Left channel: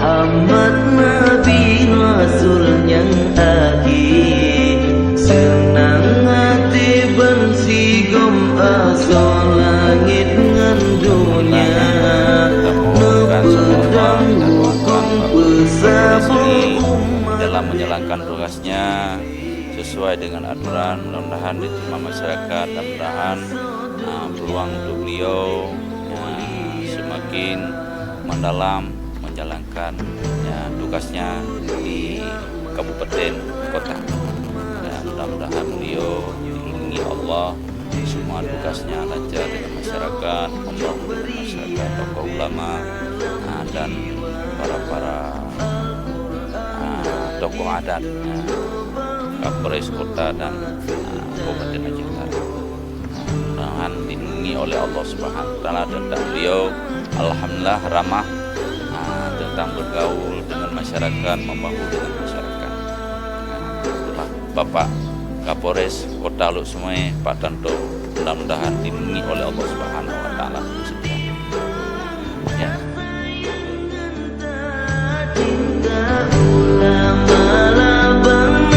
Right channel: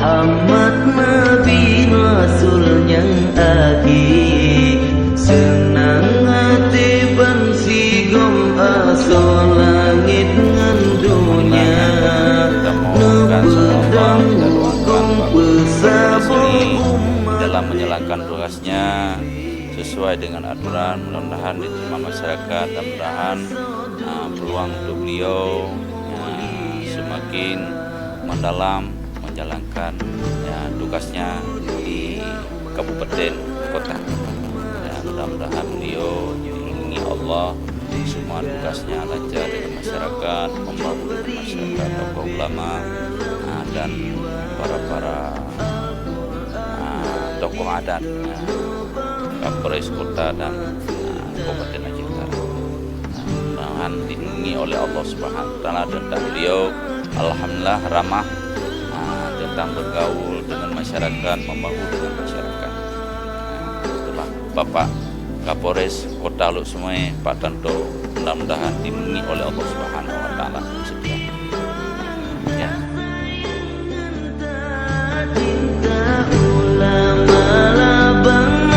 Muhammad Nabi Rasul yang akhir. Senang hati ban sigom aso langit ngan dunia. Nepedang hukum pesabur dalam menjalankan tugasnya sesuai dengan aturan. Mudah-mudahan diterima masyarakat dan mudah-mudahan peluang untuk beliau semakin mendalam menjalankan tugasnya di kabupaten kota. Mudah-mudahan beliau dilindungi Allah, semua tugasnya lancar dengan masyarakat, membangun dengan masyarakat, tokoh ulama dan para tokoh adat, Kapolres Kota dan Kabupaten Aceh Utara. Mudah-mudahan dilindungi oleh Allah Subhanahu wa Ta'ala. Tentang beliau alhamdulillah ramah tentang bergaul dengan masyarakat, membangun dengan masyarakat. Itulah Bapak Kapolres Kota Luk Sumai, Pak Tanto, mudah-mudahan dilindungi oleh Allah Subhanahu wa Ta'ala. Sekian. Ya. Cinta ulama labang